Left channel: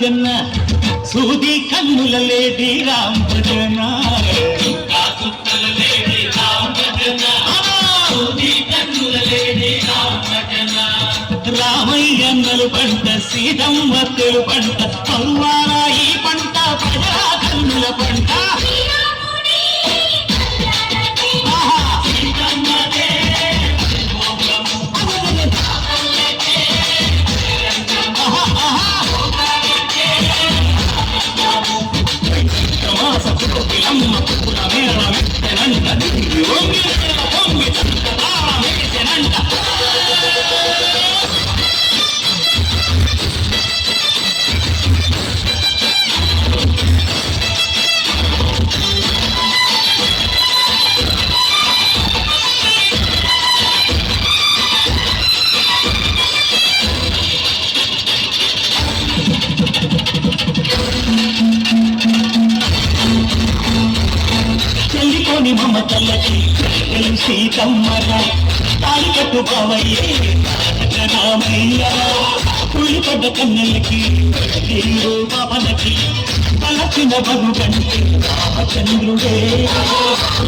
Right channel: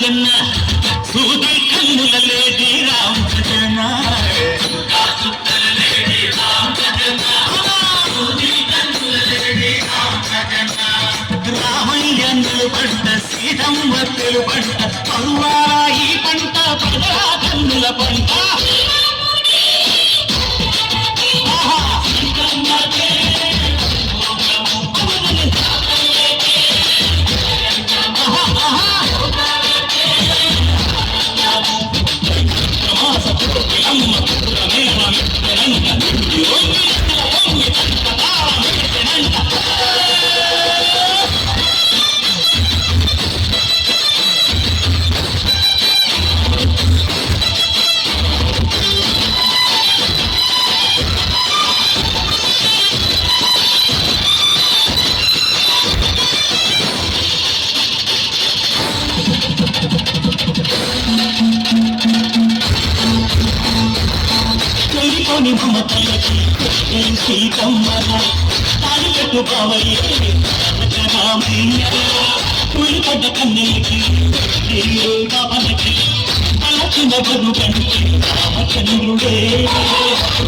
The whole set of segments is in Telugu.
రామజన్న సూది కన్నుల లేడి రామజన రామయ్యన్నలు పంట సీతమ్మ తెలు పంట పల్లారా ఈ పంట ప్రజా కన్నుల పంట చెల్లిపోని మమతల్లకి సీతమ్మర తాడి కట్టుకోవయ్యే రామయ్య కూలిపడ్డ కన్నెలకి నీరు బాబలకి తలచిన బరుడంటే రామచంద్రుడే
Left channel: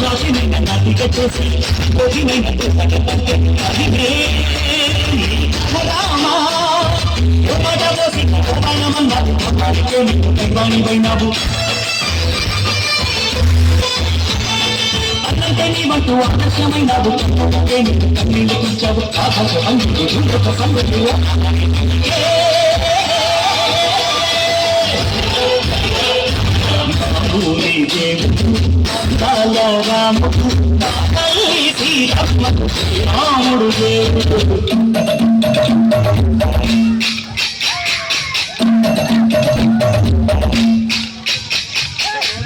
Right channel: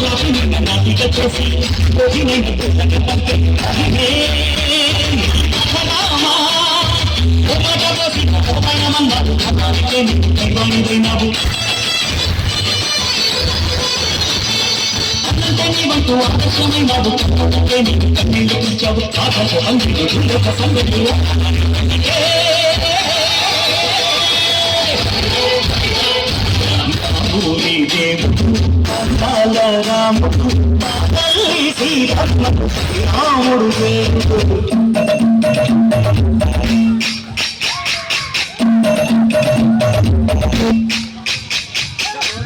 రాజమైన నాటిక చేసి రోజుమైన రామా నీవంటూ ఆదర్శమైన నీకు కన్నీళ్ళు పిలిచావు ఆకాశ అంగిలు ఒక సంగతులు రాముడు శ్రీరాముడు శ్రీరాముడు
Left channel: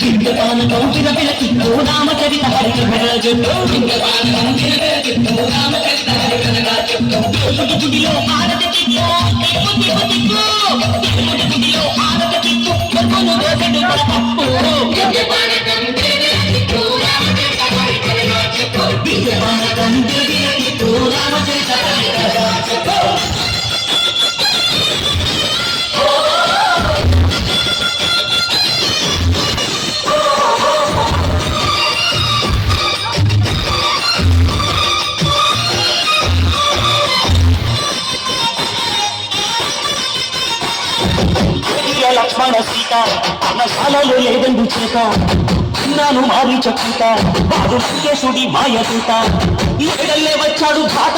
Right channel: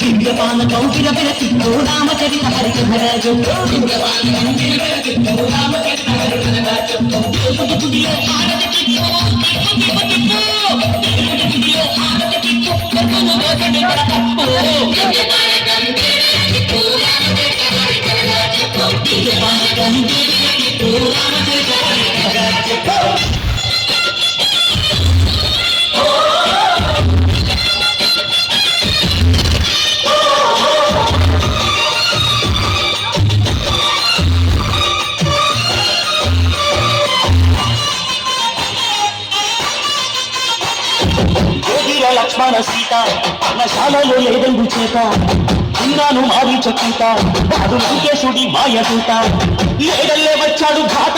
దివ్యపాన కౌశల విరతి రామచరిత హరిహరజు లక్ష్మణ సీత నశాలలో లేదండు చేత విన్నాను మారీ చక్కీత వాడు లంకేశుడి మాయ దూత ఏడల్లే వచ్చాడు ఘాత